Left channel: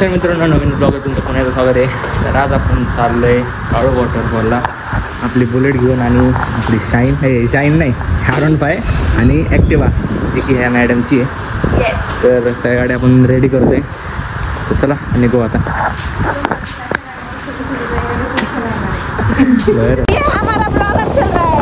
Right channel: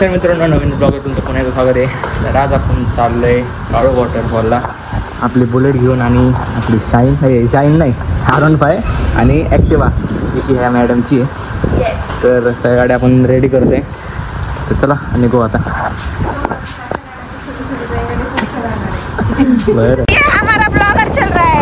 तर मित्रांनो, नवीन ब्लॉगर तुमचं पुन्हा एकदा स्वागत आहे. तर आज आपण चाललो आहे काळू वॉटरफॉलला आपली बुलेट घेऊन आणि आपली शाईन नाही R15 आणि ॲक्टिवा जी की ह्या मॅडमची आहे. तर सगळ्या गाड्या आपण रेडी करतोय. तर चला निघू आता. बरं हमारा ब्लॉगर चल रहा है.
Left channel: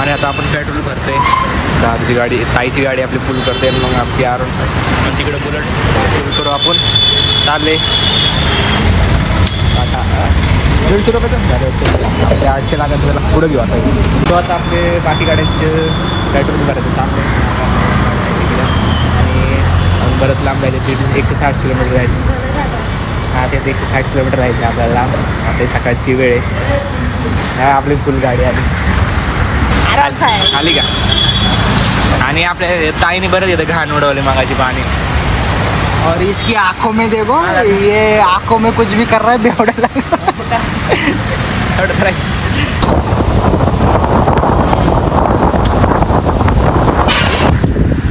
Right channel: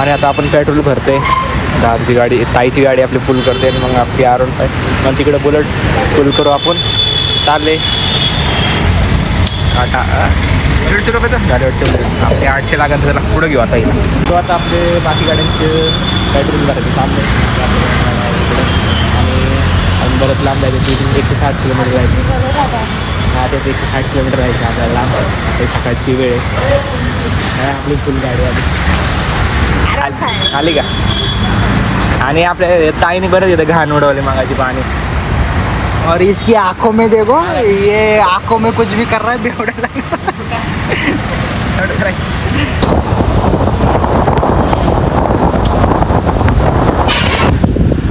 आणि आता आपण पेट्रोल भरते. दादाची गाडी ताईची गाडी आपली फुल करते आणि मग आपली R15 मग तिकडे बुलेट फुल करू आपण. चालले आता 150 रुपये तर झाले वाटते. आपले 800 लागत त्याला पुढं घेऊ आता. तो आता आपले बाकी गाड्यांचे पेट्रोल भरायचे चालले. आपल्या गाड्या आहे तिकडे आणि आपण बरंच लांब जायचं. तिथे 160 किलोमीटर जायचं. हा त्यात 160 किलोमीटर राहायचं आपल्याला लांब. आता सकाळची वेळ आहे. हा आपली फुल गाडी आली का. आणि आपल्या ताईने बरं येतं घाण उडवली मागाची पाणी. और इसकी आंखों में देखो, ये आंखों में कुछ भी कर रहा है बेवड़ा लगा.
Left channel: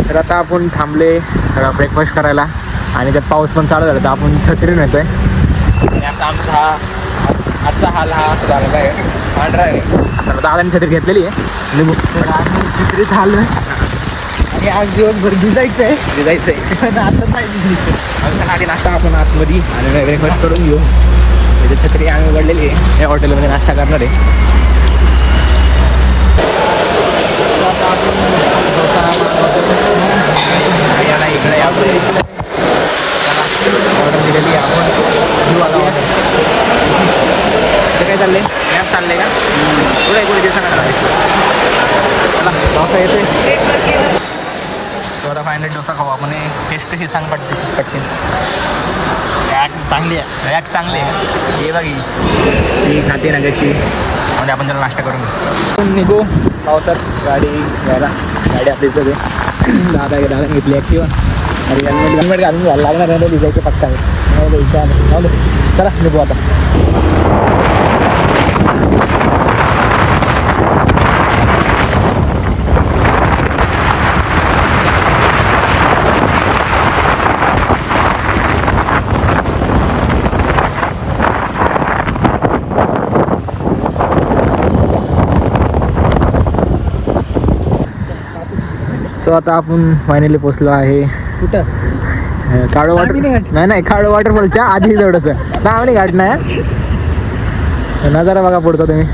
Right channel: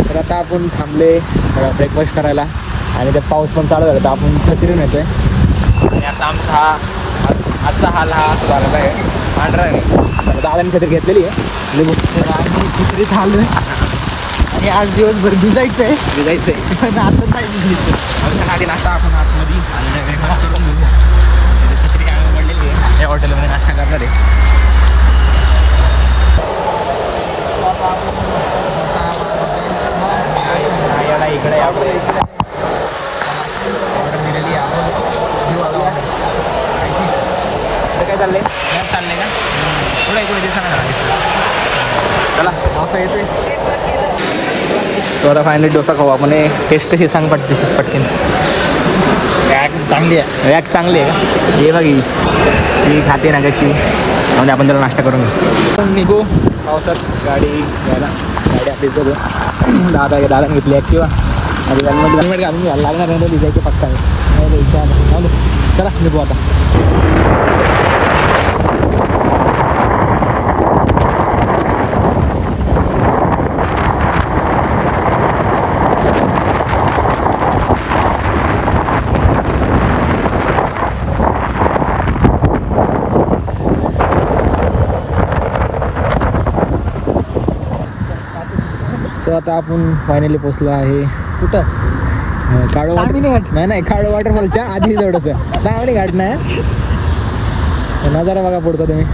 तर आता आपण थांबले ब्रेकफास्ट करायला आणि त्यात पाऊस पण चालू झाला. तर आपण छत्रीन येतोय आणि आता आमचा आजचा हाल हा असा झालेला आहे. पांढरा आहे. तर दादाने छत्री घेतलेली आहे आणि चित्रित झालं आणि आज दिवसभर भिजायचं आहे. पण आता नाही भिजायचं. आमच्या आधी नाश्ता आपण आतमध्ये आणि ब्रेकफास्ट करून घेऊ. इथे छत्री आम्ही उघडलेली आहे. या हॉटेलमध्ये नाश्ता करणार आहे. आता आपण डोसा ऑर्डर दिलेली आहे आपण. घेऊ आता ऑर्डर. काय चाललंय मॅप चाललंय का पुढे कोणी दिवसांना मला डोसा येते. तर आता फायनली डोसा खाऊ आपण. टेस्ट कशी सांग पटते. रॅक चांगली आहे. रॅक चांगली आहे का हे बघी ती खाते ना कशी म्हणजे आपण त्याला नाश्ता करून निघू. पावसात गाडी घ्यायला गाडी आपली तर दादा घेतली ॲक्टिवा म्हणजे हेल्मेट घालून घ्यायला लागणार आहे. लिहायचं पक्का आहे. चला निघू आता. सो आता आपण फायनली पोचलो आहे. कुठं काळू वॉटर नाही काळू वॉटरफॉलच्या आधी थोडंसं नावणी घाट नाही. नजारा बघा पुढचा तुम्ही.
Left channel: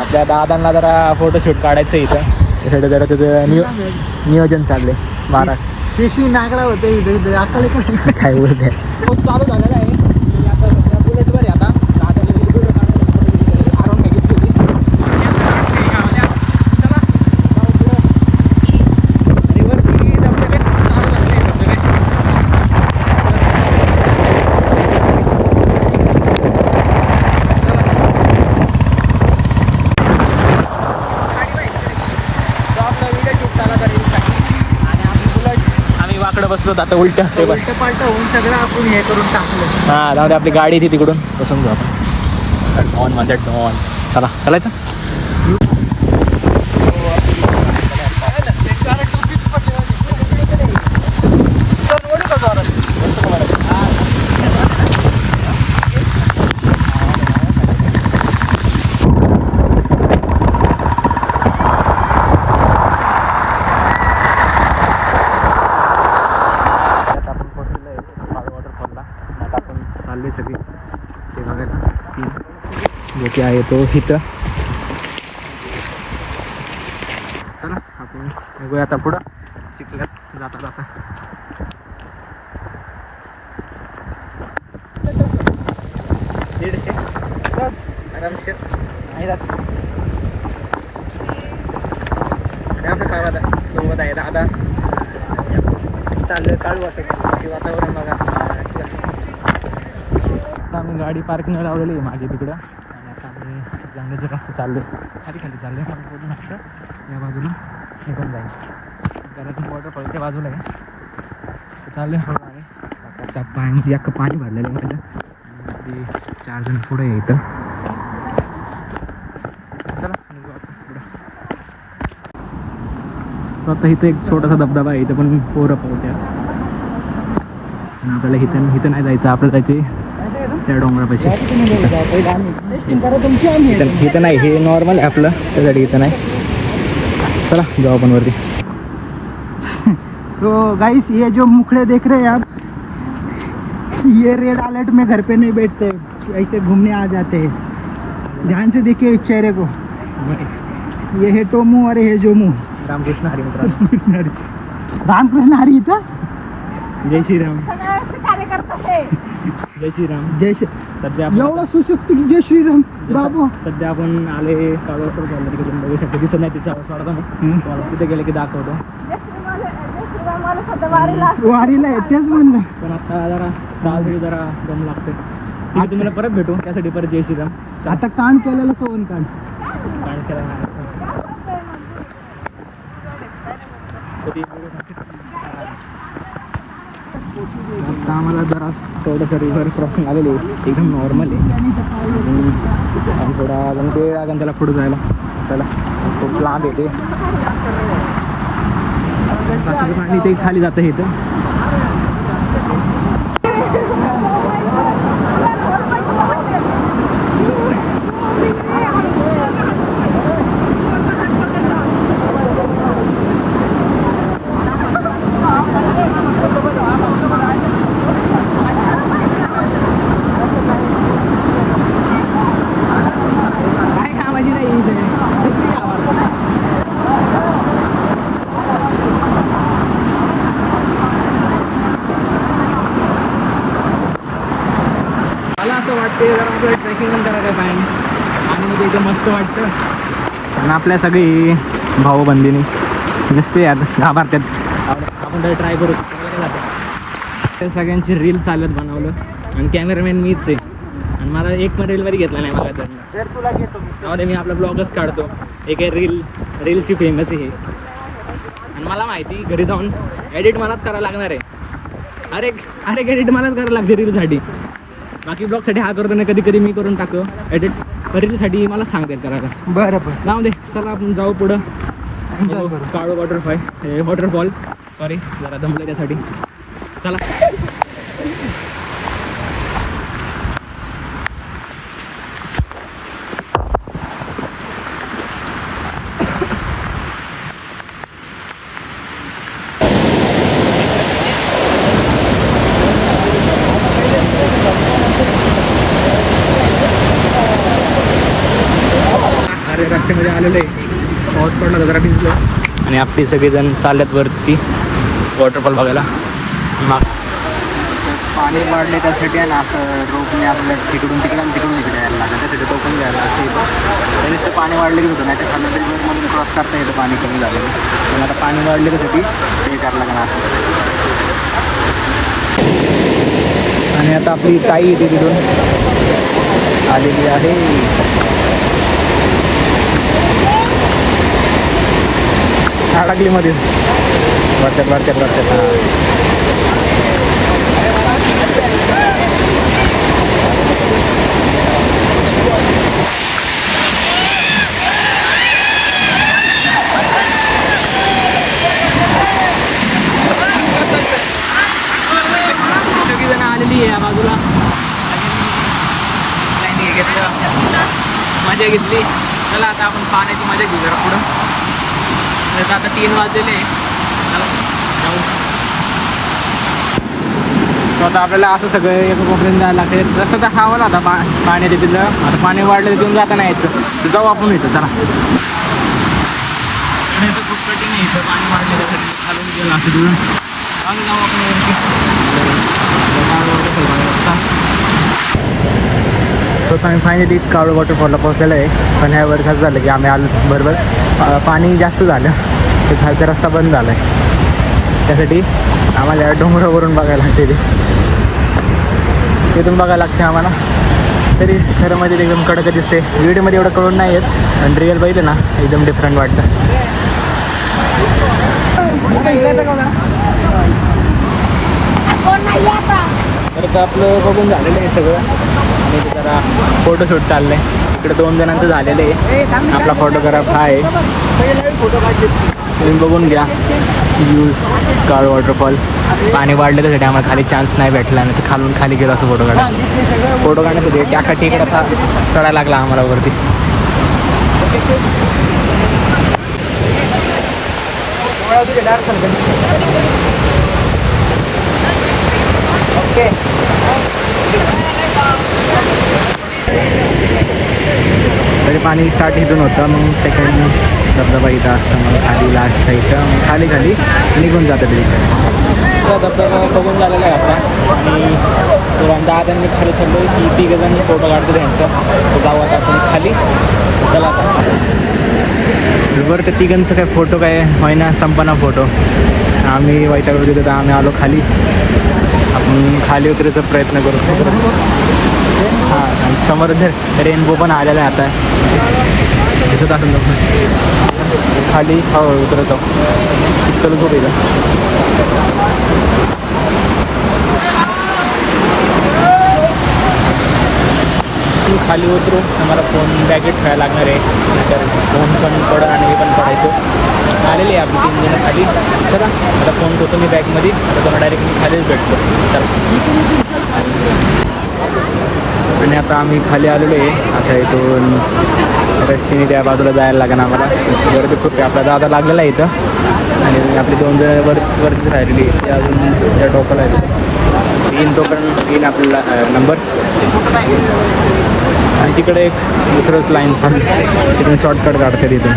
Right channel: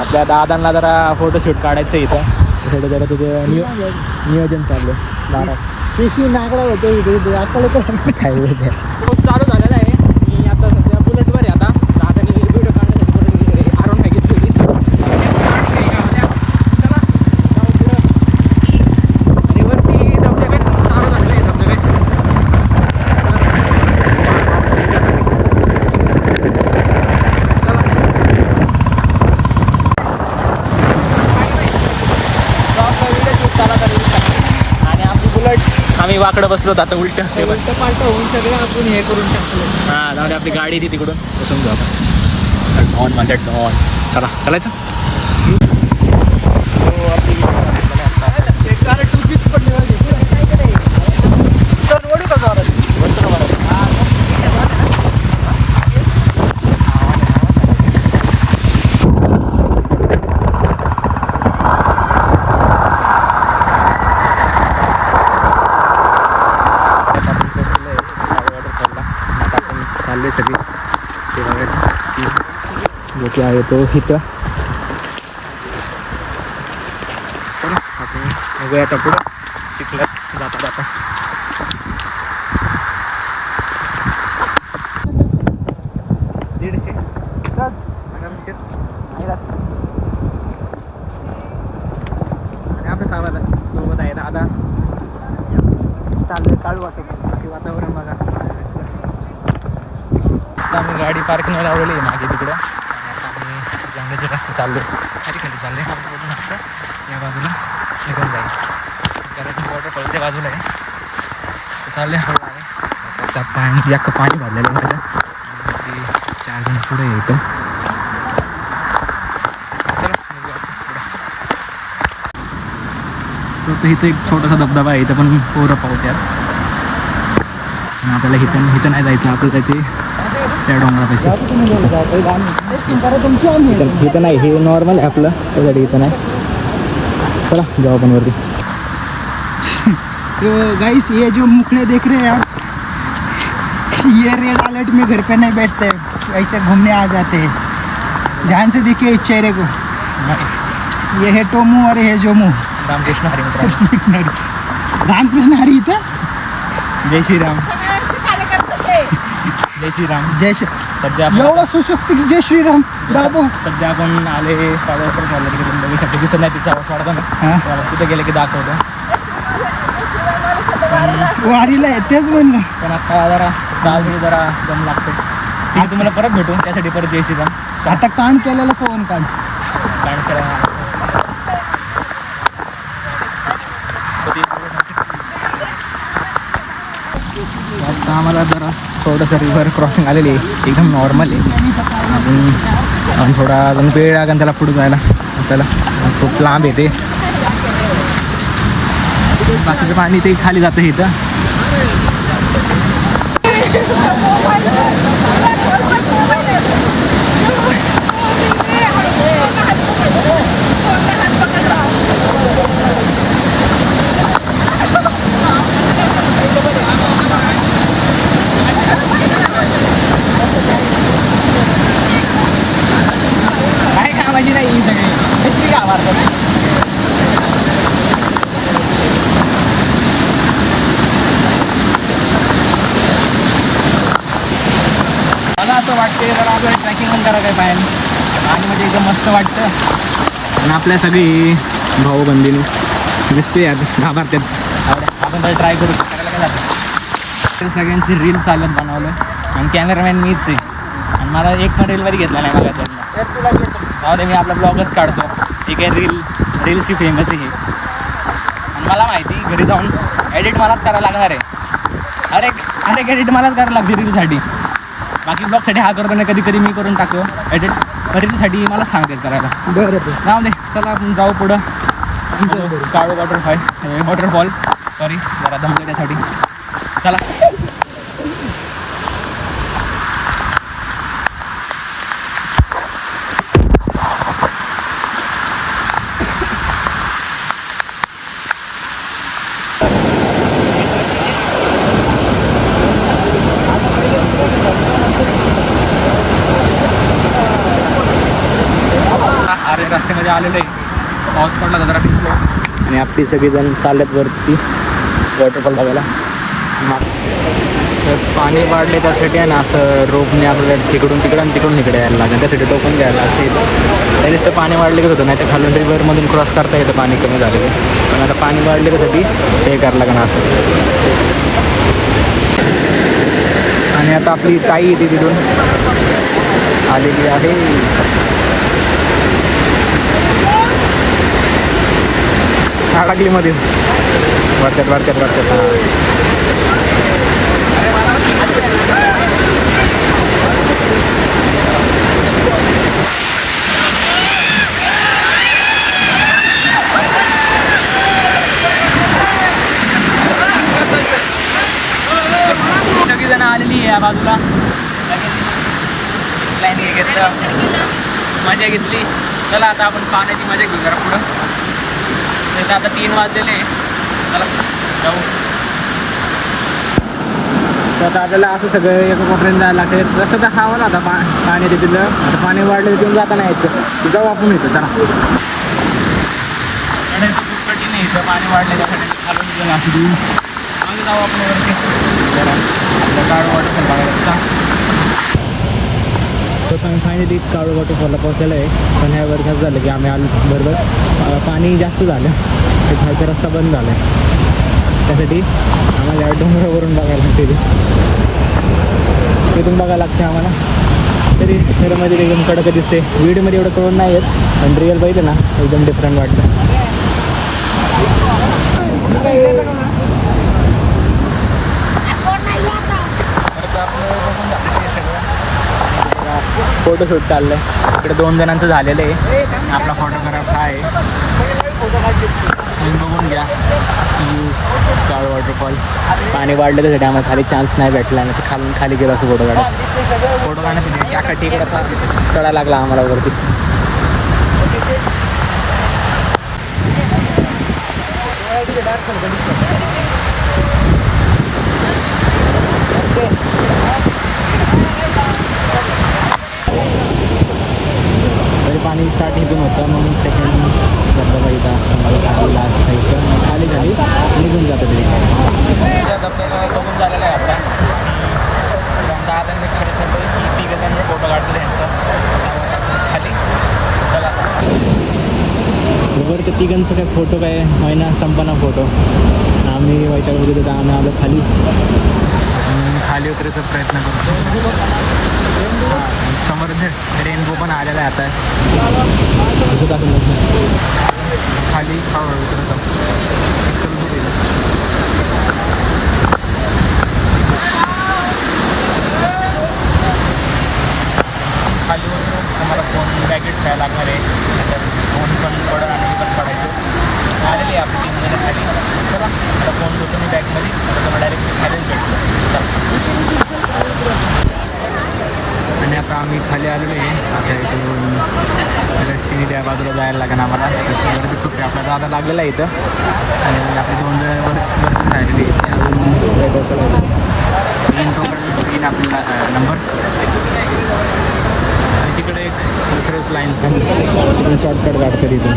आपल्या दादांना जरा फोटोशूट काढायचं इथं. त्यासाठी जरा त्याचं नियोजन चाललंय. शिशी नागरा होते आता काय बोलते. चालू झालेला आहे. मी आता सध्या बुलेटवर आहे. आता दादाने व्हिडिओ काढण्यासाठी R15 घेतली होती. चला आणि वरती धबधबे चालू झालेले आहे. आपला व्हिडिओ शूट चालला तर आणि आपली बुलेट आम्ही वाकडं बसलो आता उलटं ते पण उलट पालट होऊन सगळं आपण हे करून टाकलं. हां जाऊ दे. आपली गाडी ती तिकडून बसून घेऊ आपण. डॉन म्हणतात डॉन. चला चालायचं. चालले सगळे ते बघायला जो की आहे तो इथं. चला आपण बघूया आता पुढं चिखल्यात जाता 150 आरामशीर. आणि आपल्या सोबत आहे दादा. चालू काढू वाटत ते वातावरण बघा. आम्ही गाडी पार्किंगला लावलेली आहे मागे तिकडं. आणि आता आम्ही जंगलाच्या रस्ते चाललो. खाली चालले. आपण मस्त या बाजूला निघून जाईल. कारण वॉटरफॉल त्या बाजूला आहे. चालले हळू आहे. आता पाणी जास्त पाणी भरलेलं आहे माझ्या आणि ते 4 जण पुढे येतं. चला निघू आपण पुढे. फक्त इथं एक छोटासा धबधबा आहे, इथं पण पोरं पावत्यात. आणि आपल्याला इथं नाही जायचं, आपल्याला जायचे त्या डोंगरापाशी. इथं नाही, हे नॉर्मल आहे आपलं, त्यासाठी इथं नाही. चला जाऊ आपण वरती. तो गाइस ये जो मुखड़े देख रहे हैं आप, ये रेड अलर्ट में घर पे नहीं बैठते, ऐसे घूमने आ जाते हैं. ध्यान से देखिए इस चेहरे को. ये है टोमू और ये है जोमू. रामकृष्ण हरी मित्र. रामकृष्ण हरी. रामकृष्ण हरी इथं. जय श्रीराम. जय श्रीराम. जय श्री. सध्या एवढं सुशक्त जय श्रीराम बाबू. सध्या आपण आले पावसाळ्यात झालं तिकडे तुम्ही बघू शकतो, दिसत नाही तिचा आवाज वाढतो ना. हां त्याला तिथे गेले की दाखवतो. वारीला आहे तेच म्हणलं. पण आता जरा जाऊ जरा दम लागतो. आता तुम्हाला परत भेटू, त्यासाठी परत जय श्रीराम. आता कान केलेलं सोन कान. कारण करा. आता आम्हाला जरा थोडंसं रिव्हर क्रॉसिंग आलेली आहे, एकदम नॉर्मल आहे. आपण थोडा अजून वेळ लागेल त्याला पुढं जायला, आपल्याला खूप लांब येते. बाकीचं पाणी ते खाली जातं इथं. काय कामाची नाही ही सगळी किती गावात. मला असं वाटतं जरा आपल्याला ट्रॅकिंग पण करा काय पाहिजे, आणि म्हणजे एकदम मस्त वाटतं. आणि आपल्या सगळी भाऊबंदीने दिसते आता घाबरतात. आपण तर ट्राय करू, करायला काय जातं. ते सगळ्यांची रील चालत बनवलं आणि कॅमेरामॅन मीच आहे. आणि मला एक पण रीलमध्ये घेतला नाही मला त्यांना. त्यामध्ये मी आपला ब्लॉगच काढतो. एक आहे रीलची फेमस आहे ही. आणि मला माहिती घरी जाऊन एडिट मलाच करायला लागणार आहे. अरे एडिट मलाच करायला लागते रीलसाठी. बाकी ब्लॉगसाठी हा करतो नाही, कधी कधी मी करून टाकतो एडिट. रीलसाठी मला सांगते करायला. बरोबर. जाऊ दे, चला आपण जाऊ पुढं. काळू वॉटरफॉल सॉरी जरा दमले त्यासाठी. चला अर्ध्या रस्त्यामध्ये आलेलो आहे. पाऊस पडला तर जरा भिजले आणि आपली सगळेजण चालल्यात वरती वॉटरफॉल बघायला. तर पाणी वाढले त्यासाठी आहे ना, असं रोपने आपल्याला तिकडून तिकडं आणि तिकडून इकडे यायला लागतं. त्यासाठी टोकन घ्यायला लागतं इथं. त्याने तर पाणी वाढले होतं, नाही तर खालून रिव्हरमधून क्रॉस करता येतं पाणी कमी झालं. पण आता पाणी वाढले त्यासाठी हे करायला लागणार असं. आणि आता आपली ताई येते तिथून आलेली आहे. अडकलीमध्ये वरच्यात सगळी जण आलेली आहे या बाजूला. मजा घेतली. चला आता आपण पाण्याची मजा घेऊ जरा पुढं. आता 3 वाजलेले. चला जाऊ. तर आता आपल्याला असं सगळं एका कोपऱ्यात जायला लागते. जसं तर खावं ना आता पाणी तिथलं. आता पाणी वाढलं तिथून जाता नाही यायचं. जाऊ आपण इथं चला. खूप कठीण नाही इथं पाणी वाढलं त्यासाठी असं तिथून आम्ही जाऊ आपण वरती. आपलं काळू वॉटरफॉल बघायला. स्वतः आम्ही फायनली काळू वॉटरफॉलला पोहोचलेलं आहे. पण ह्या वर्षात झालं की आम्ही आलो बरोबर पाणी जास्त झालं, ते खालचा रस्ता बंद झाला आहे. त्यासाठी आम्हाला डोंगरावरून बघायला लागते. तिथून बघायला लागते आम्हाला. तरी खरं मध्ये एकदम कडक दिसते. व्हिडिओमध्ये एवढं कळून नाही येत, पण रिअल पाहिजे ना एकदम डिफरंट वाटतं. आता आपलं बघून झालेलं आहे सगळं आणि त्याला फोटोशूट चालले. इकडे 2 जणांचं झालेलं आहे. आपला फोटोग्राफ हा आहे, तुम्ही बघून घ्या. यूज काळ वॉटरफॉल. पाणी वाढलेलं आहे डॅमात आणि चान्स नाही भेटला आणि ते खालून खाली गेलं असं फोटो काढण्यासाठी त्यासाठी चढायला लागला आम्हाला वरती. पाणी स्टार्ट इथून होतं मग सेकंड धबधबा इथं असतं खाली लास्ट इथं खाली निघून जातं ते धबधबा बघून झालेला आहे आता. आणि दादांनी खाली चाललो की 3 जण फोटो काढतो त्यांचा. जाऊ आता आपण खाली. चला आता बरोबर त्या 3घांचं काय फोटो काय महिना संपना फोटो. आम्ही वैतागलो तिथं तर आम्ही आलो खाली. आपण खाली उतरायचा प्रयत्न करतो. हां समोर रेनबो पण आलेला आहे आता. खाली हळूहळू उतरतो. चिखल खूप येतं. खाली उतरू आम्हाला फोन बॅगेट खेळायला लागणार आहे, नाहीतर फोन पण पडा आणि मी पण पडायचं. आलेले आहे आपली 3 जणं खाली. चला आता फोन ठेवतो मी बॅगमध्ये. आता तुम्हाला डायरेक्ट मी खालीच भेटतो. चला. आणि आता आम्ही खाली आलेलो आहे. आता इथून रस्त्याने त्या बाजूला जायला लागेल आम्हाला. गर्दी खूप आहे. आपला दादा लागलेला आहे इथं आणि आपली 2 जण वरतीच राहिलेली आहे. ते अजून त्या टोकाला आहे. येईन आपल्याला नंबर. आणि तिकडे एक दुसरंच लाईन तिथून शॉर्टकट काढते तिथून.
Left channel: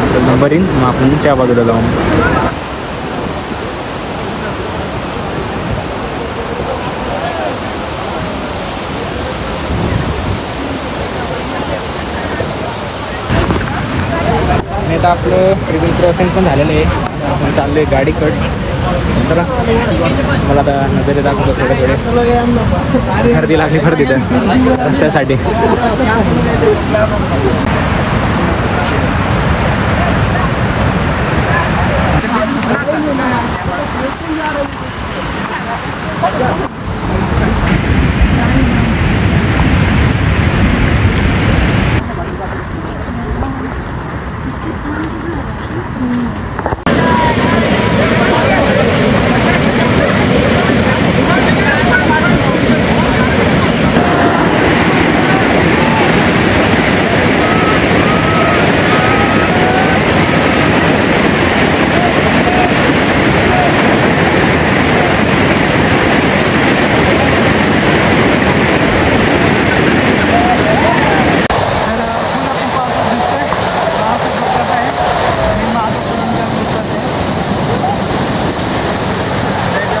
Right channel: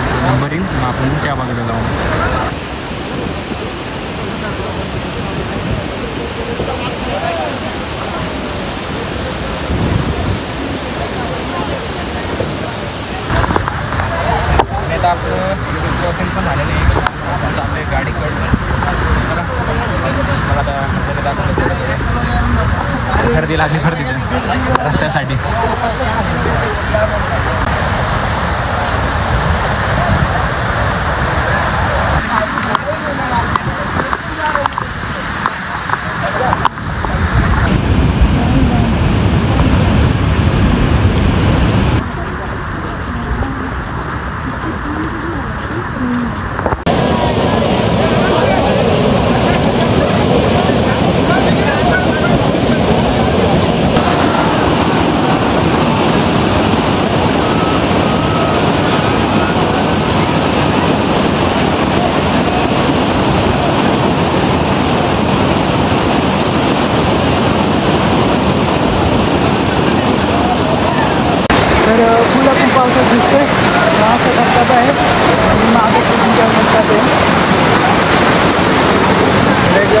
आपला नंबर येईन मग आपण त्या बाजूला जाऊ. आता आपलं ट्रिपल क्रॉसिंग पण झालेलं आहे. आपण चाललो आहे गाडीकड. चला मला आता नजरे दाखवतो थोडे गर्दी लागली खरं तिथं रस्त्यासाठी.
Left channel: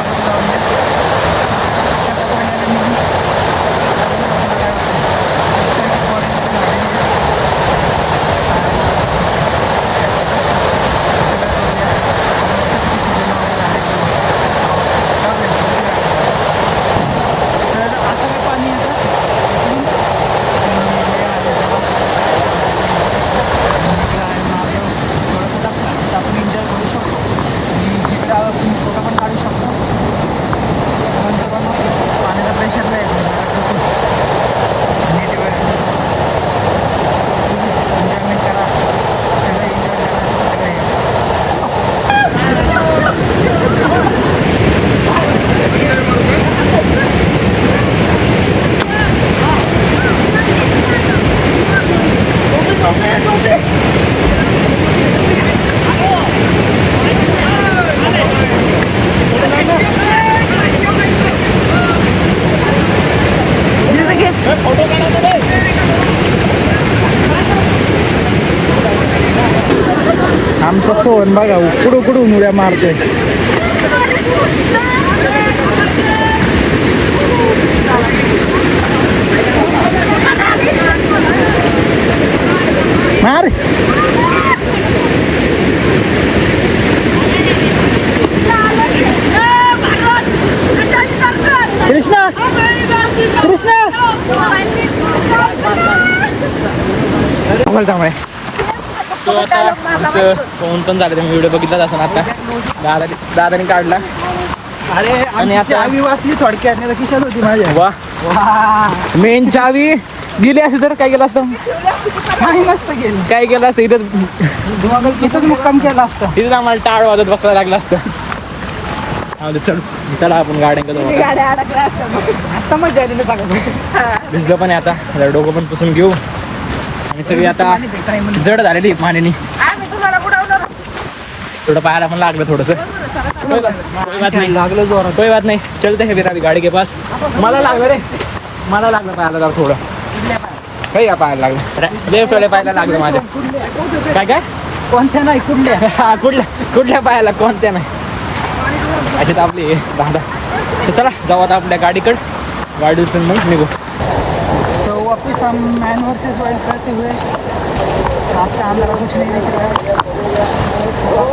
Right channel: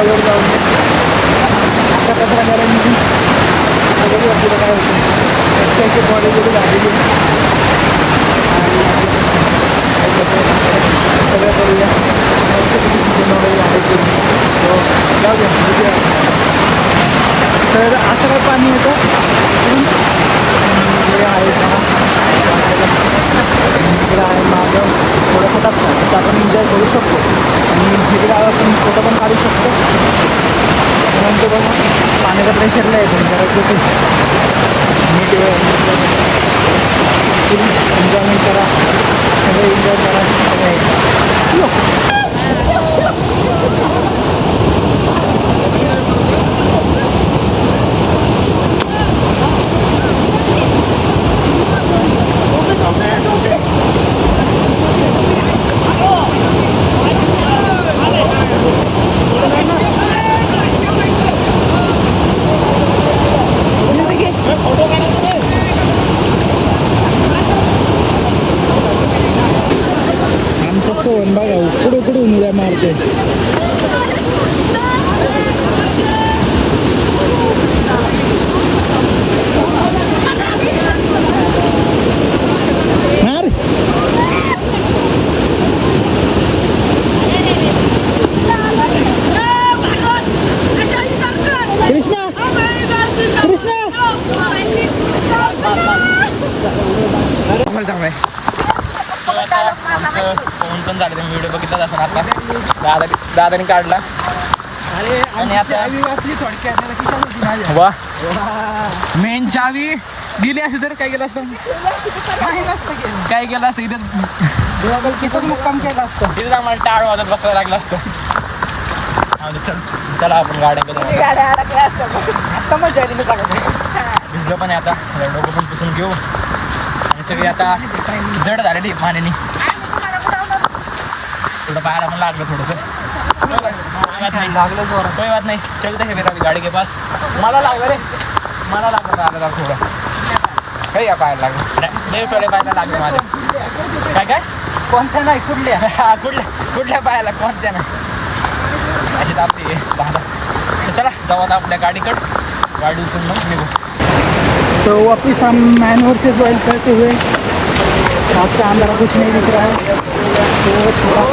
वर जाऊन आता कचरा घ्यायला निघून तर बघूया पुढं काय होतं. रस्त्याची कॉलेज वगैरे झालेली आणि सगळं करूया. मस्तपैकी सीजन वगैरे झाले करून तो जाऊया बघूया. तर असं काय पाणी येतं हे आहे बघा. इकडं आहे मागं थोडंसं टाकतात तर आपण एन्जॉय करू शकतो आणि इकडे आपण फोटो पण काढू शकतो. नंतर बघा पाण्याचा प्रेशर नाही येतो. खूप नीट वेळ फुल एन्जॉयमेंट करा. सगळे एन्जॉय करा. सगळे आमचा सोहन बघा उकडून उड्या मारतोय. मार कृष्णा कृष्णा आमचं फोन पण झालं. तुम्ही व्हिडिओ बघितलाच असेल. आता दादाने काढला अरे आणि आता- चावी वाचली थोडक्यात नाही तर खिशात होती माझ्या वा मेन चावी गेली असती तर काय केलं असतं काही नसतं गेलं काय केलं असतं इथं इथंच मुक्काम केला असतो तिथेच आम्हाला टाळ वाजत बसायला लागलं असतं चल चला आपण गाड्यांकडे जाऊ आता. गाड्या अडकल्या असतात आता मजा आली मी सांगतो भिजलं पण आहे आता जरा डोकं पण पुसून घेऊ आणि सगळी आता जड झालेली आहे पाण्याने आम्ही तुम्हाला बुडवणार थोडं पाहायला पण लागलं थोडंसं कोई बात नाही लागलं जोरात कोई बात नाही चलते है फिर अभी गाडी के पास मला लागलं रे मला लागलं पाहायला जरा थोडं काही या पाहायला लागलं अरे देव थोडे पाहायला लागलं माझं काय काय कोणत्या नाही कुठल्या हा, कुठल्या पायाला कोणत्या नाही अशी तर आपली दादा तर चला जाऊ आता आपल्या गाडीकडं गाडी उचलून मग निघू तो वापिस हम मैन वर्सेस वाइल्ड करते हुए रात का अंदर कुछ नहीं दिख रहा है तो थोड़ा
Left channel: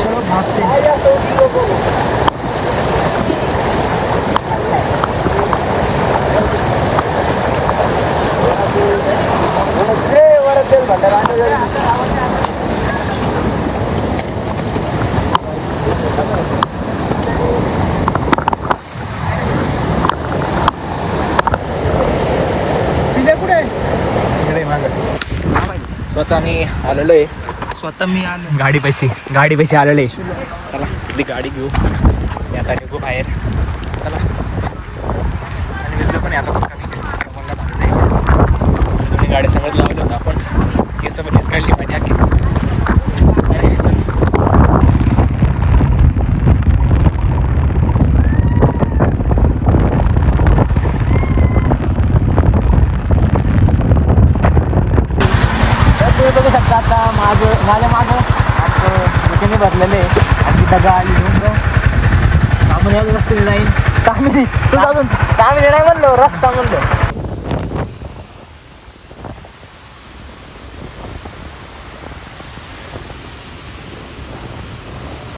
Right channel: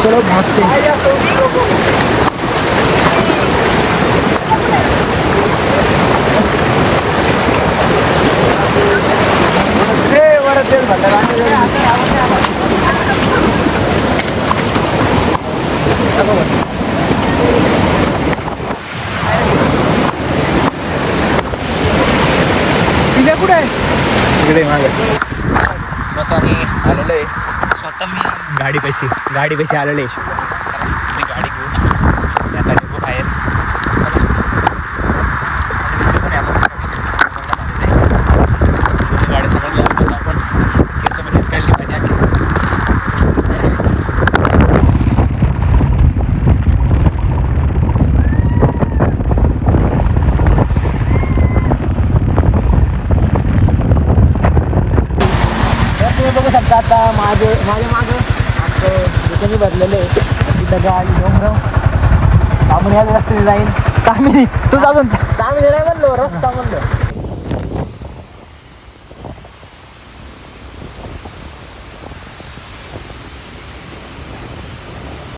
चलो भागते हैं इकडे मागं स्वतः मी आलेलो आहे स्वतः मी आलो गाडी पैसे आलेले आहे चला ती गाडी घेऊ आता बघू बाहेर चला दिसली पण आहे आता गाडी सगळं लागलो आपण केसामध्येच काढली पाहिजे आखी तुम्ही बघू शकता आता माझ्या मागं आमचं दुकाने भरलेले आहे डगा आली डोंगर आपण याच रस्त्याने जाईन तुला चांगले नाही म्हणलो रस्ता म्हणलो